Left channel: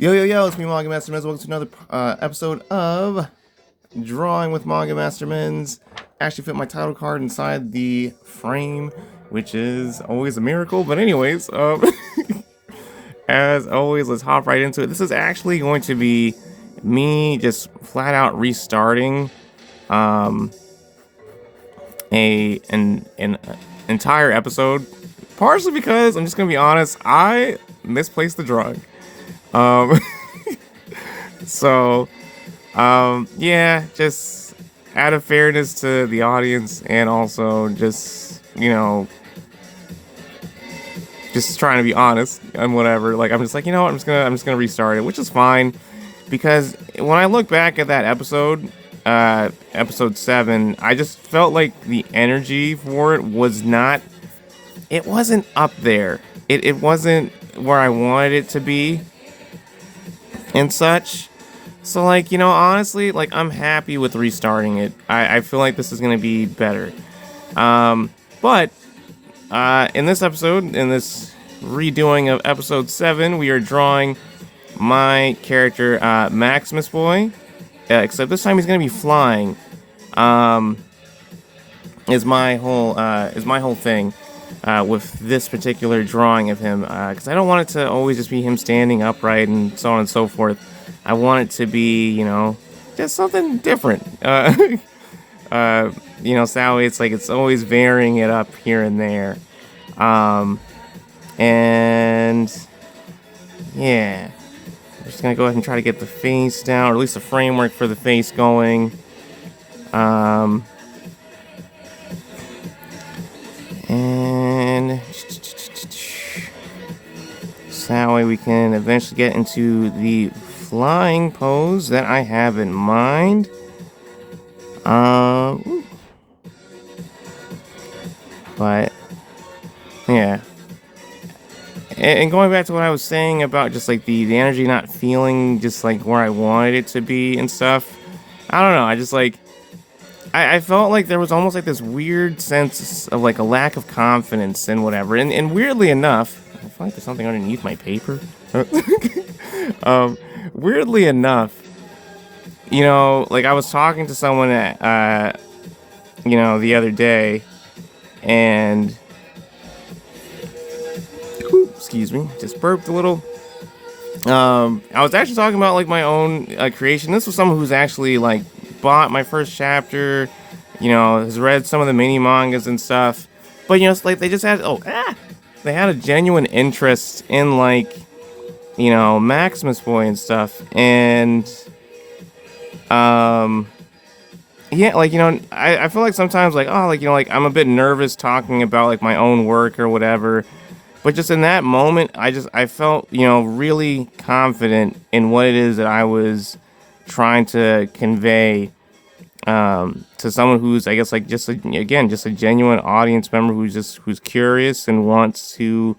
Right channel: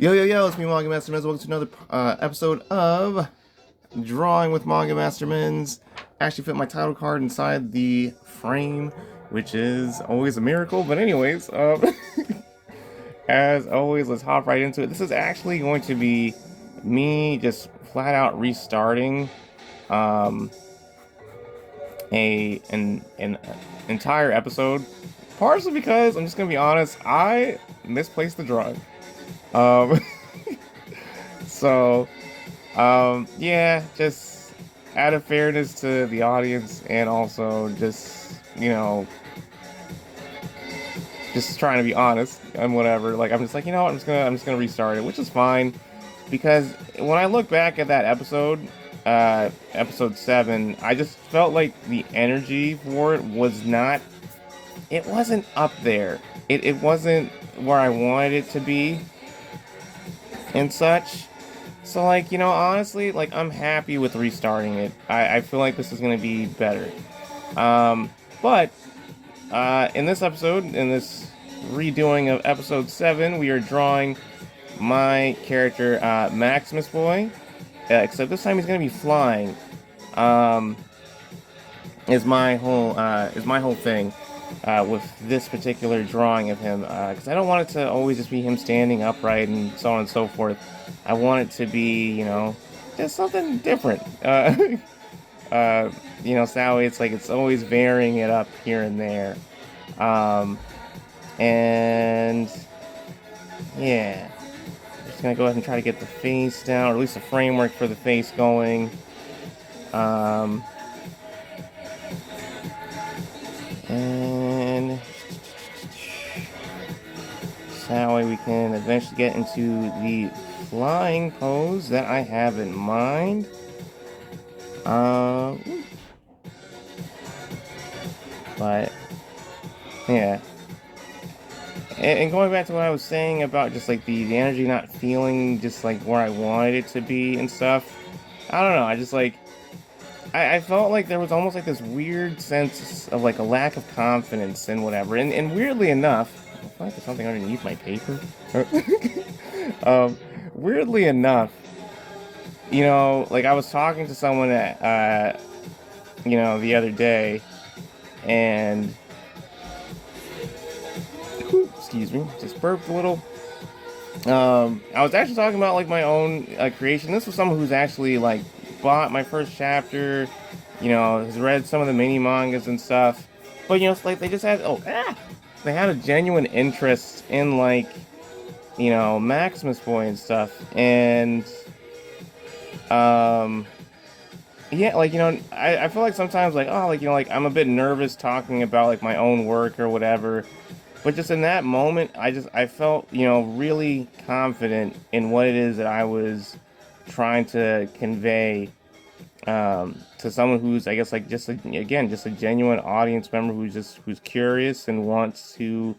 Yo, it's me, Manga Master Menz. Welcome to another episode of Drawing with Manga Master Menz. Actually fit my title card inside the frame, which is always a miracle. But anyways, as always, let's hop right into it. This is actually going to be me just flat out restarting an entire episode, partially because I'm just gonna be honest, I misplaced the drawing. Um, so, yeah, just out of fairness to the audience and also just, just trying to be honest and whatever. Like, I'm just like, you know what, I'm just gonna restart it, which is fine because when I look back at that episode, episode 7, I just felt like the energy for it wasn't up there. It wasn't where I wanted it to be and such. So, like, honestly, like, I'm happy with restarting it. I feel like this is going to be better. But in this episode, in this redoing of episode 7, we are drawing my character, Maximus Boy. Except this time he's going to be flying. Is my whole thing. With this particular drawing of him, because I don't want it to always just be him standing upright and so on and so forth. I want it to be, just something different. Sally, it's like it's always varying it up here and there. And yeah, I'm just gonna go ahead and try to get the face down, or at least the framework for the face going. And so that way we can eventually get into the flying pose that I have in mind. But yeah. And going back to what I was saying about just like the energy not feeling just like where I wanted it to be and stuff. I don't know. I just like I felt like there was almost like this weird sense of like a lack of confidence and whatever. And weirdly enough, I feel like there's something underneath my paper. Weirdly enough, like I was talking to someone at, the other day, and excuse me, just burped a little. I was actually talking about like my own creation. This was someone who's actually like bought my first chapter, has read some of the mini mangas and stuff, but it's like they just had they had a genuine interest in like Maximus Boy and stuff. And yeah, like I feel like sometimes like like I'm a bit nervous talking about like my own work or whatever, but just in that moment I felt really confident in what it is that I was trying to convey to someone who's, I guess, like just a genuine audience member who's curious and wants to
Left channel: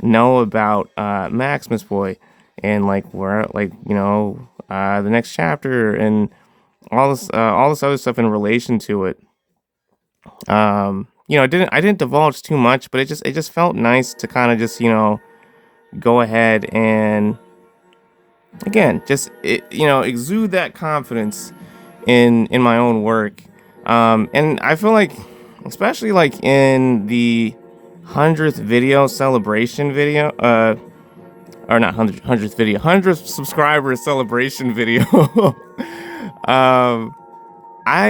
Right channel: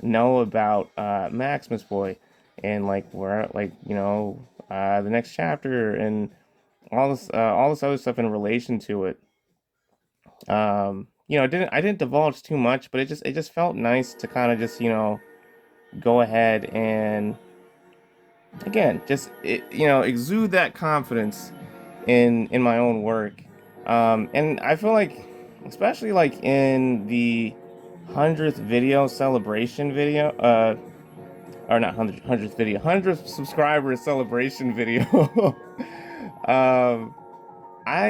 know about Maximus Boy and like where the next chapter and all this other stuff in relation to it. I didn't divulge too much, but it just felt nice to kind of just go ahead and again just exude that confidence in my own work. And I feel like especially like in the 100th video celebration video, or not 100th video, 100th subscriber celebration video. I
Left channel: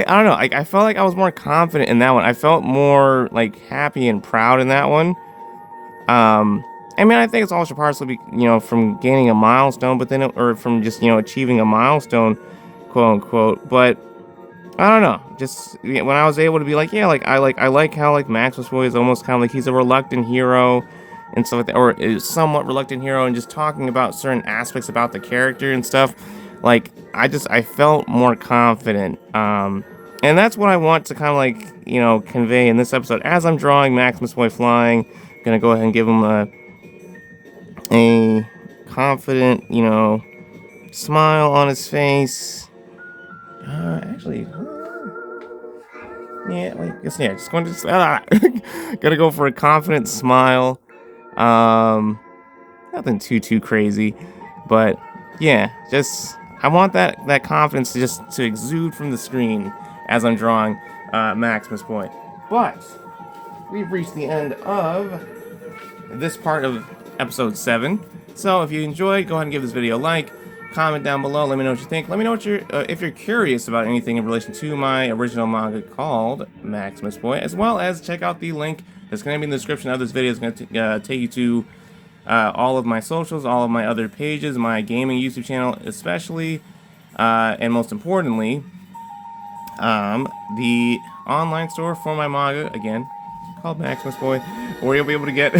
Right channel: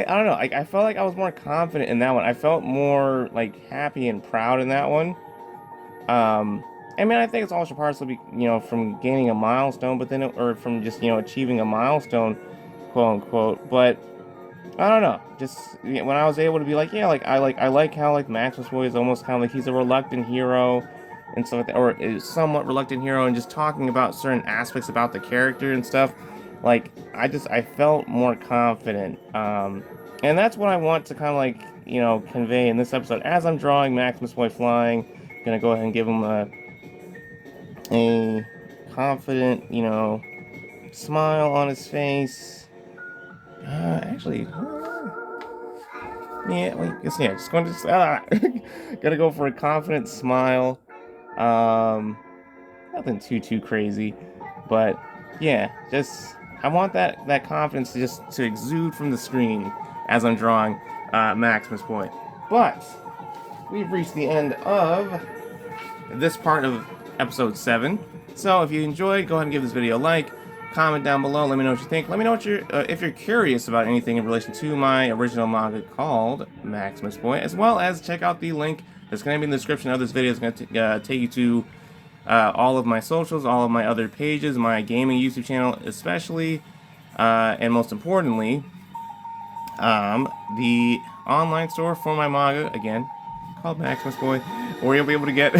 don't know, I felt like I was more confident in that one. I felt more like happy and proud in that one. I mean, I think it's also partially from gaining a milestone, but then or from just achieving a milestone, quote unquote. But I don't know, just when I was able to be like, yeah, like I like how like Maximus Boy is almost kind of like he's a reluctant hero and stuff like that, or is somewhat reluctant hero, and just talking about certain aspects about the character and stuff. Like I felt more confident, and that's what I want to kind of like convey in this episode as I'm drawing Maximus Boy flying. Gonna go ahead and give him a confident smile on his face. Actually, yeah, wait, just going to gotta go for a confident smile. Nothing too crazy, but yeah, just I want that confidence to exude from the screen as I'm drawing Maximus Point. But we've reached the end of this part of episode 7. So if you enjoyed, go ahead and give this video a like, comment down below, let me know what you think. Let me know what if you're curious about anything in relation to my original manga called Maximus Point, as well as check out the link that's going to be in the description of this video. It's going to take you to all of my socials, all of my other pages, my gaming YouTube channel especially, and most importantly, the online store for my manga, again, called Maximus Point, where you'll be able to get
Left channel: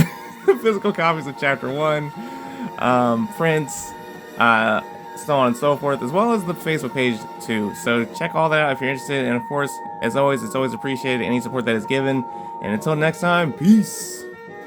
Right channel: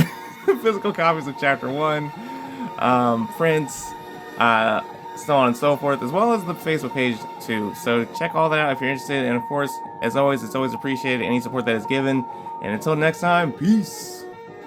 physical copies of Chapter 1, prints, so on and so forth, as well as the Facebook page too. So check all that out if you're interested, and of course, as always, it's always appreciated any support that is given. And until next time, peace!